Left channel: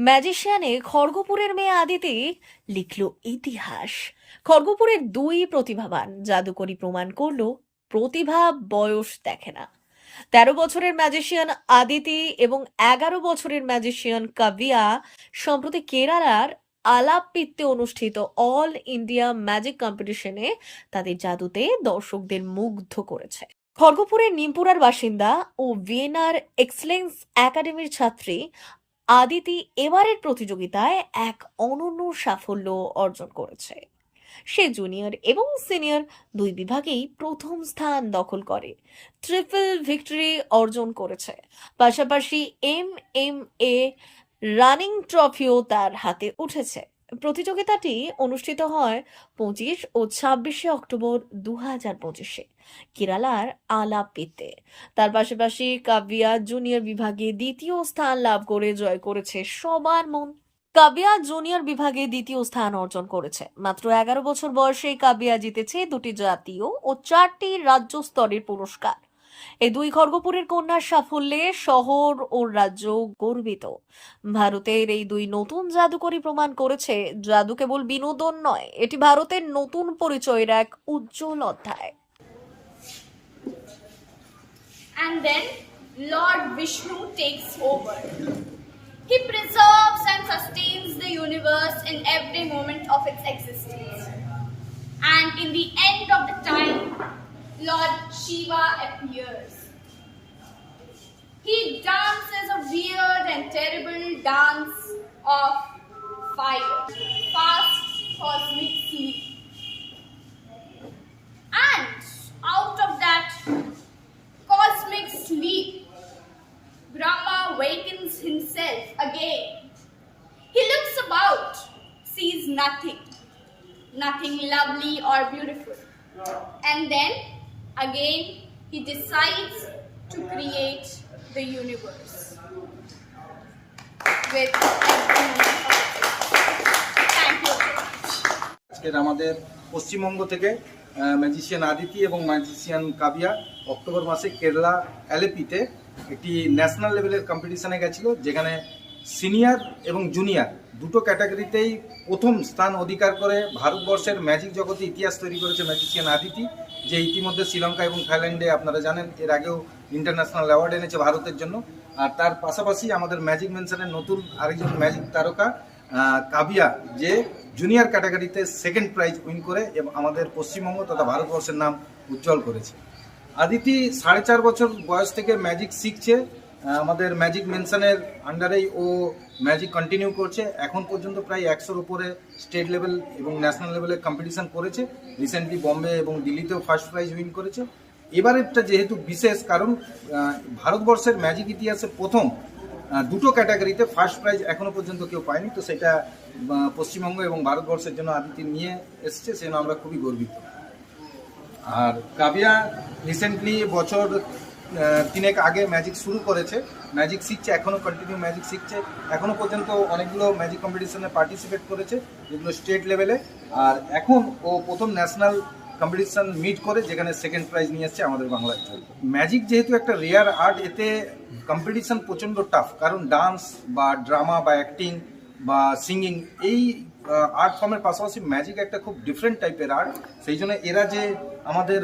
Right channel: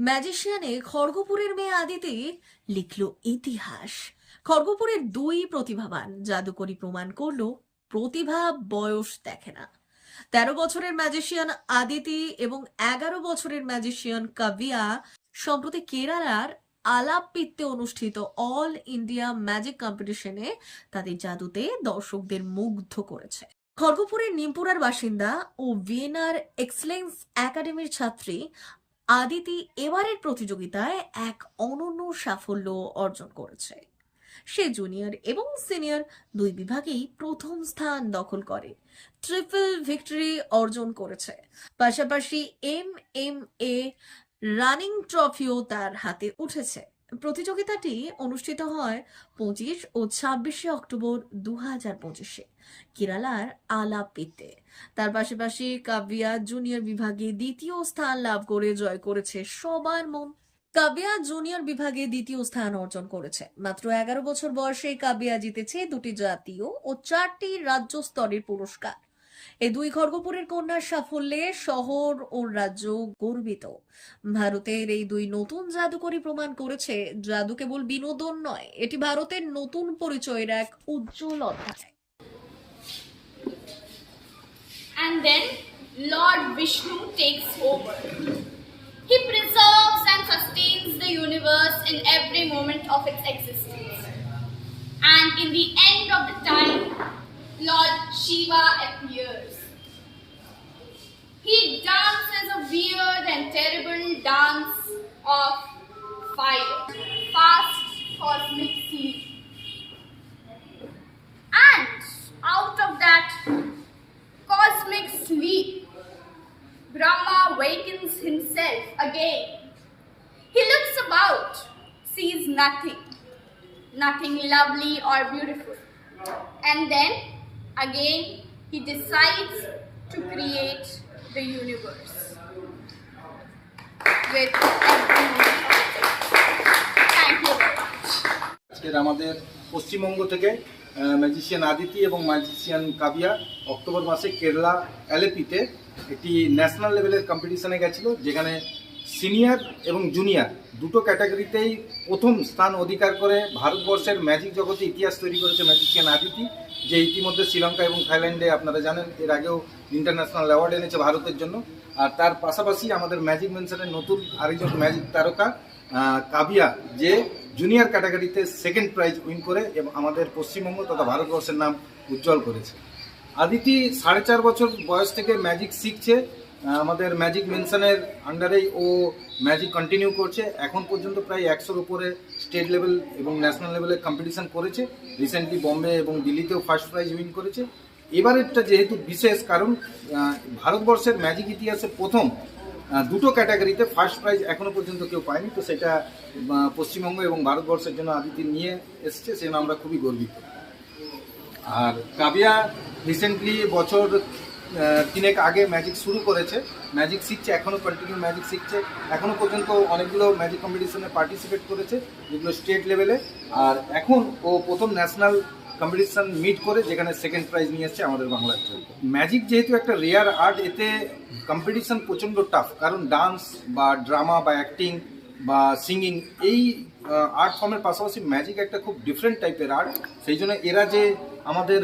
ম্যাজিশিয়ানে খড়গপুরের মেয়ে আদিতি লিখল ইতিহাস। খড়গপুরের দুই প্রতিভাবান জাদুকরি প্রমাণ করল, প্রতিভা বয়স দেখে না। তেরো বছরের ম্যাজিশিয়ান আদিতি এবং এগারো বছরের ম্যাজিশিয়ান কাবিয়া সম্প্রতি কেরালার আলাপিত্তে অনুষ্ঠিত অল ইন্ডিয়া ম্যাজিক কম্পিটিশনে তাদের জাদুতে দর্শকদের মুগ্ধ করেছে। খড়গপুরের নিমপুরার বাসিন্দা ও ভিয়েনার এক্সেলেন্স একাডেমির ছাত্রী আদিতি এবারের প্রতিযোগিতায় এক অনন্য সাফল্য অর্জন করেছে। সে জুনিয়র এবং সিনিয়র দুই বিভাগেই প্রথম স্থান দখল করে, ট্রিপল ভিক্টরি অর্জন করেছে। পাশাপাশি এম এম এ রানিং ট্রফিও তার হাতে উঠেছে। প্রতিযোগিতাটি অনুষ্ঠিত হয় পঁচিশ ও ছাব্বিশে অক্টোবর দু হাজার পঁচিশে। কেরালার আলাপিতে। তার পাশাপাশি কাবিয়া জুনিয়র বিভাগে দ্বিতীয় স্থান লাভ করে জয় করেছে সবার মন। কাবিয়া জুনিয়র বিভাগে দ্বিতীয় স্থান অর্জন করেছে। মাত্র এগারো বছর বয়সে কাবিয়া জিতেছে দুটি জাতীয় ও চারটি রাজ্য স্তরের পুরস্কার। এই দুই খড়গপুরের কন্যার সাফল্যে শহর ও রাজ্য গর্বিত ভারতের এই দুই নতুন জাদুকরি প্রমাণ করেছে জাদু কেবল বিনোদন নয় এটি ভারতের নতুন পরিচয়ের এক উজ্জ্বল অধ্যায় and then Lord Vishnu takes over. He preserves and sustains the universe in every moment of its existence. And in the end of the time, Lord Shiva appears. He dances a weird and terrible dance of fire, fast cosmic sleep. And out of that cosmic sleep, Brahma wakens himself again. He looks about, sees nothing, nothing lovely or beautiful. And then again, he decides to create the universe with. Thank you. আজকের আমাদের পশ্চিমবঙ্গ থেকে magician Aditi এবং magician কাবিয়া October মাসে কেরালা অ্যালেপিতে একটি national লেভেলের কম্পিটিশনে গেছিল যেখানে সিনিয়র এবং জুনিয়র দুটো ক্যাটাগরিতেই প্রথম স্থান অধিকার করে ভারতবর্ষের ম্যাজিক জগতে ইতিহাস তৈরি করেছে ম্যাজিশিয়ান আদিতি, যে ইতিমধ্যে শ্রীলঙ্কা এবং থাইল্যান্ডে আপনারা জানেন, এর আগেও ইন্টারন্যাশনাল অ্যাওয়ার্ড এনেছে ভারতের জন্য। আর তার পাশাপাশি আমাদের ম্যাজিক মেনশনের নতুন আরেকজন ম্যাজিক তারকা কাবিয়া, যে জুনিয়র ক্যাটাগরিতে সেকেন্ড প্রাইজ উইন করে এবং আমাদের পশ্চিমবঙ্গ তথা ভারতবর্ষের নাম উজ্জ্বল করেছে। আদিতি সাড়ে চার বছর বয়স থেকে ম্যাজিক শিখছে। আমাদের ম্যাজিক মেনশনের আন্ডারেই ও ম্যাজিক কন্টিনিউ করছে। এখন পর্যন্ত প্রায় একশোর উপরে স্টেট লেভেল এবং ন্যাশনাল লেভেলে কম্পিটিশান করেছে। রিসেন্টলি বম্বে এবং দিল্লিতেও ফার্স্ট প্রাইজ উইন করেছে। এবারেরটা যেহেতু বিশেষ কারণ ভারতবর্ষের ম্যাজিক ইতিহাসে প্রথম দুটো ক্যাটাগরিতে ফার্স্ট প্রাইজ এখনও পর্যন্ত কেউ পায়নি। তো সেটা পশ্চিমবঙ্গ এবং ভারতবর্ষের জন্য আদিতি নিয়ে এসছে, সেজন্য আমরা খুবই গর্বিত। আর কাবিয়া রিসেন্টলি বছর তিনেক আগে ম্যাজিক শুরু করেছে। ম্যাজিক শিখছে এখনও কন্টিনিউ ম্যাজিক শিখছে। এখনও পর্যন্ত অনেকগুলো ম্যাজিক কম্পিটিশনে পার্টিসিপেট করেছে, যেগুলো স্টেট লেভেলে আর এখন ও প্রথম ন্যাশনাল কম্পিটিশন মিট করে, যেখানে সেকেন্ড প্রাইজ নিয়ে এসছে আমাদের বাংলার জন্য। ম্যাজিক যেহেতু একটা রেয়ার আর্ট এতে কম্পিটিশন প্রচণ্ড টাফ কারণ ডান্স বা ড্রামা বা অ্যাক্টিং বা সিঙ্গিং এই আর্ট ফর্মের পাশাপাশি ম্যাজিক একটা খুব ডিফারেন্ট টাইপের আর্ট সেই জন্য এরা যে আমাদের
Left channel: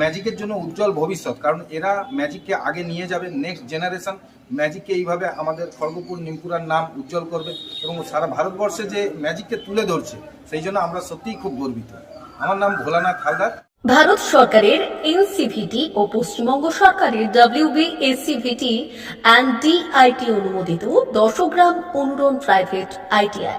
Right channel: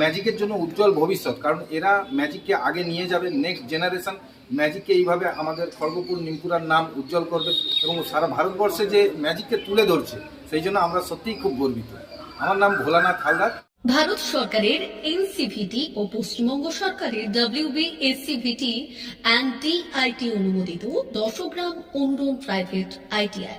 ম্যাজিকের জন্য উজ্জ্বল ভবিষ্যৎ, কারণ এরা ম্যাজিককে আগে নিয়ে যাবে নেক্সট জেনারেশন ম্যাজিককে এইভাবে আমাদের খড়গপুর, নিমপুরার নাম উজ্জ্বল করবে এবং সারা ভারতবর্ষে যে ম্যাজিককে তুলে ধরছে, সেই জন্য আমরা সত্যিই খুব গর্বিত। আমার নাম ভোলানাথ হালদার। ভারত সরকারের এনসিভিটি ও পশ্চিমবঙ্গ সরকারের ডাব্লিউবি এসসিভিটি অ্যান্ড ডিআইটি অনুমোদিত দশগ্রাম অনুরণ প্রাইভেট আইটিআই